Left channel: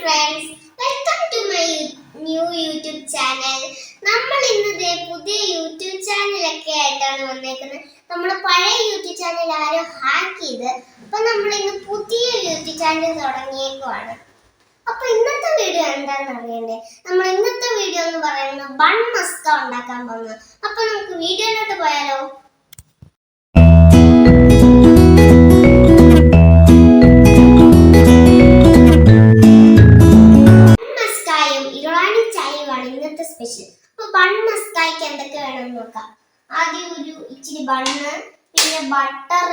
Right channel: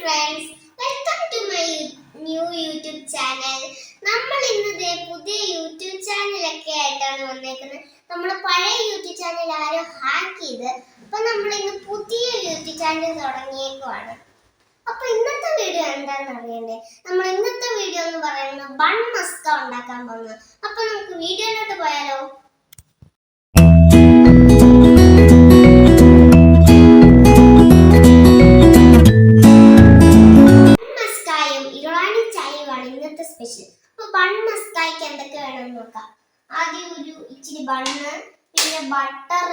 friends, welcome to my new YouTube channel. നമ്മൾ ഇന്നത്തെ പുതിയ യൂട്യൂബ് ചാനലൊക്കെ ആയിട്ടാണ് വന്നേക്കുന്നത്. നമ്മുടെ പഴയ യൂട്യൂബ് ചാനൽ ആരോ ഹാക്ക് ചെയ്ത്, അപ്പോൾ നമ്മൾ ഇന്ന് പുതിയ യൂട്യൂബ് ചാനൽ തുടങ്ങിയേക്കുവാണ്. അപ്പോൾ ഇന്നത്തെ വീഡിയോ എന്താണെന്ന് അറിയണ്ടേ? നമ്മൾ ഇന്നത്തെ വീഡിയോ എന്ന് പറയുന്നത് ബൺ മസ്ക ഉണ്ടാക്കാൻ പോകുന്നത്. അപ്പോൾ നമുക്ക് വീഡിയോയിലോട്ട് പോയാലോ? സ്പെഷ്യൽ. അപ്പോൾ ബൺ മസ്കായ്ക്ക് എന്തൊക്കെ വേണമെന്ന് നോക്കാം. ആദ്യം ഒരു ഇച്ചിരി ബണ്ണ്, പിന്നെ ബട്ടർ,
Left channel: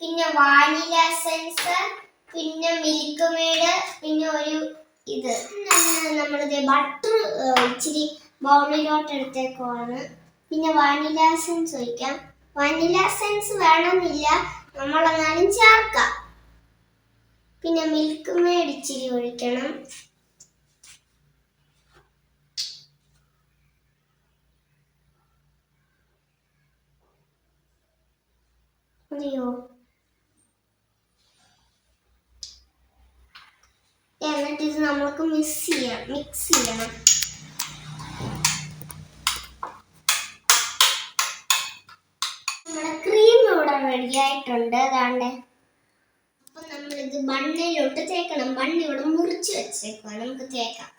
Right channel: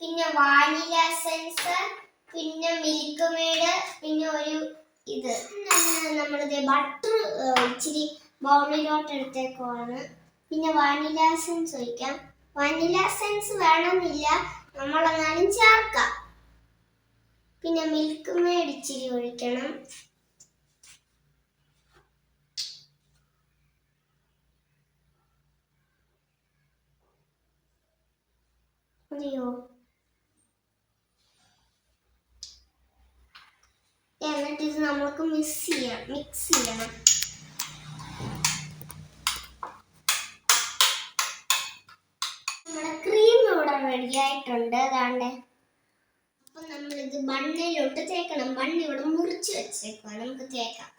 പിന്നെ വാനില എസൻസ്, പിന്നെ മിൽക്ക് മെയ്ഡ്, പിന്നെ ഒരു ഇത് നമ്മളിത് ബട്ടർ ഇച്ചിരി ബൗളിലോട്ട് എടുത്തേക്കുവാണ്. പിന്നെ വാനില എസൻസ് ഒഴിക്കാം. വാനില എസൻസ് വേണമെന്നില്ല, നമ്മളെന്നാലും ചേർക്കാം. പിന്നെ മിൽക്ക് മെയ്ഡ് ഇച്ചിരി ഒഴിക്കണം. എന്നിട്ട് ഇത് നമുക്ക് മിക്സ് ചെയ്യണം. നമ്മുടെ ക്രീം ഇവിടെ റെഡി ആയിട്ടുണ്ട്. അതാണ്ട് അപ്പൊ നമ്മളിത് ബണ്ണിലോട്ട് തേക്കണം. ബണ്ണ് ഇവിടെ മുറിച്ച് വെച്ചേക്കുക, നമുക്ക് തേക്കാം.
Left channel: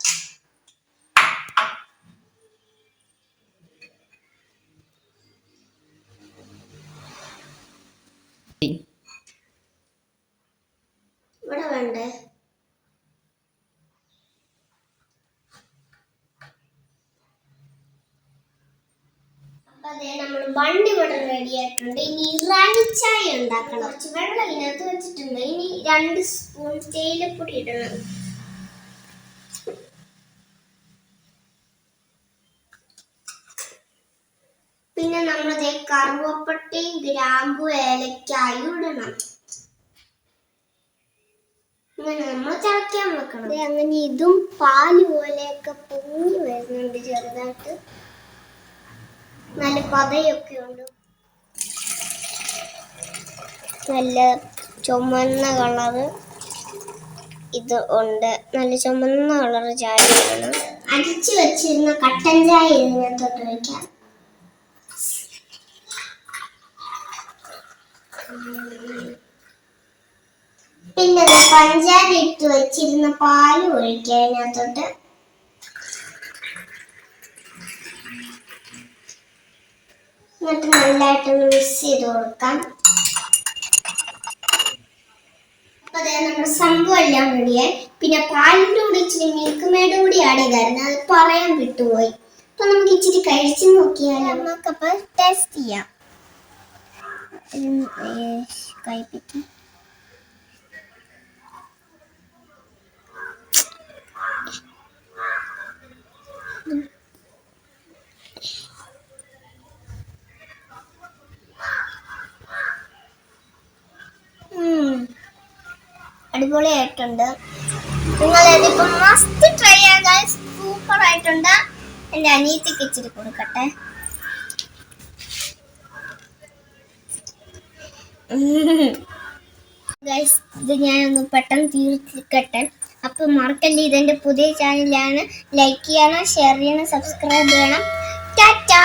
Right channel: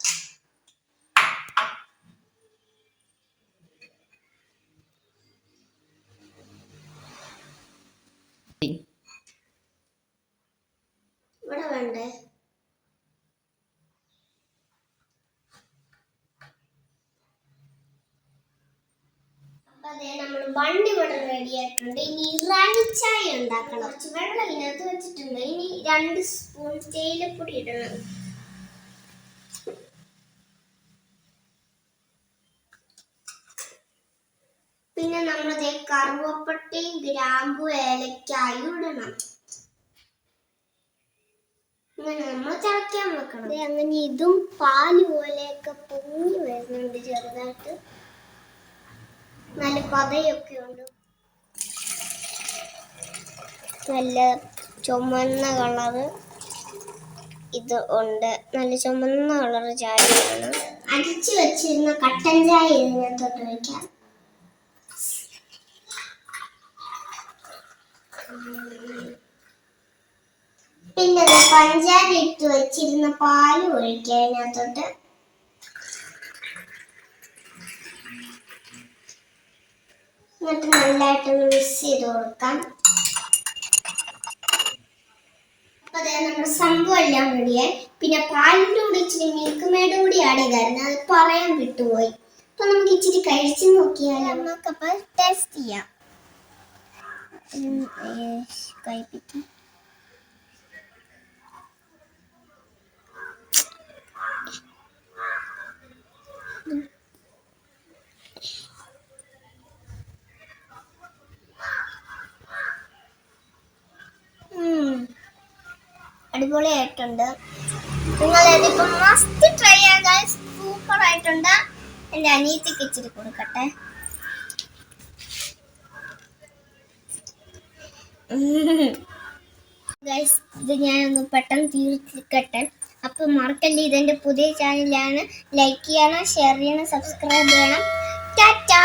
ഇവിടെ വേണ്ടേ? നമ്മൾ ബണ്ണ് ഇവിടെ റെഡി ആയിട്ടുണ്ട്. ഇനി ഇറാനി ചായ ഉണ്ടാക്കണം. കുറച്ച് വെള്ളം ഇതിനകത്ത് വെച്ചിട്ടുണ്ട്. ഇനി 2 സ്പൂൺ തേയിലപ്പൊടി ഇടണം. പിന്നെ നമ്മൾ കറുവപ്പട്ടയും ഗ്രാമ്പു ഏലക്കായും ഇടണം. അങ്ങനെ നമ്മൾ തിളയ്ക്കാൻ വെക്കണം. അങ്ങനെ ഇതും പാല് പോലെയൊക്കെ പൊങ്ങി വരുന്നുണ്ട് ചെറുതായിട്ട്. നല്ല പതയൊക്കെ ഉണ്ട്. നല്ല ചുമന്ന കളറ് ഇത് ഉണ്ട്. നല്ല ചുമന്ന കളറ് ചായയാണ്. അരിച്ചു വെച്ചിരുന്ന കട്ടൻ ചായ ഇതിനകത്തോട്ട് വയ്ക്കാം. പിന്നെ പഞ്ചാര ഇട്ട് വെച്ചിരുന്ന പാല് ഒഴിക്കാം അതിനകത്തോട്ട്. എന്നിട്ട് നല്ലതായിട്ടൊന്ന് മിക്സ് ചെയ്ത് കൊടുക്കാം. അപ്പൊ അതായത് നമ്മുടെ സംഭവം എല്ലാം റെഡിയായി. പിന്നെ പാലിൻ്റെ കൂടി ഇച്ചിരി മിൽക്ക് മെയ്ഡ് കൂടി ആഡ് ചെയ്തായിരുന്നു, അത് പറയാൻ വിട്ടുപോയി. അപ്പൊ നമുക്ക് ഇച്ചിരി കഴിച്ചു നോക്കിയാൽ നമുക്കപ്പോൾ ടേസ്റ്റ് ചെയ്യാം. കഴിപ്പിക്കാം. അടിപൊളിയായിട്ടുണ്ട്. നിങ്ങളിതിപ്പോൾ മസ്റ്റ് ട്രൈ ചെയ്യുക. സൂപ്പർ ആയിട്ടുണ്ട്. എൻ്റെ അനിയത്തിക്ക് ഇച്ചിരി കൊടുക്കട്ടെ. ഗൈസ്, ഇത് ഞാനൊന്ന് പെട്ടെന്ന് തീർക്കട്ടെ. അപ്പം മറക്കല്ലേ, ഇതെൻ്റെ പുതിയ ചാനലാണ്. ലൈക്ക് ചെയ്യണം, ഷെയർ ചെയ്യണം, സബ്സ്ക്രൈബ് ചെയ്യണം. ടാറ്റാ.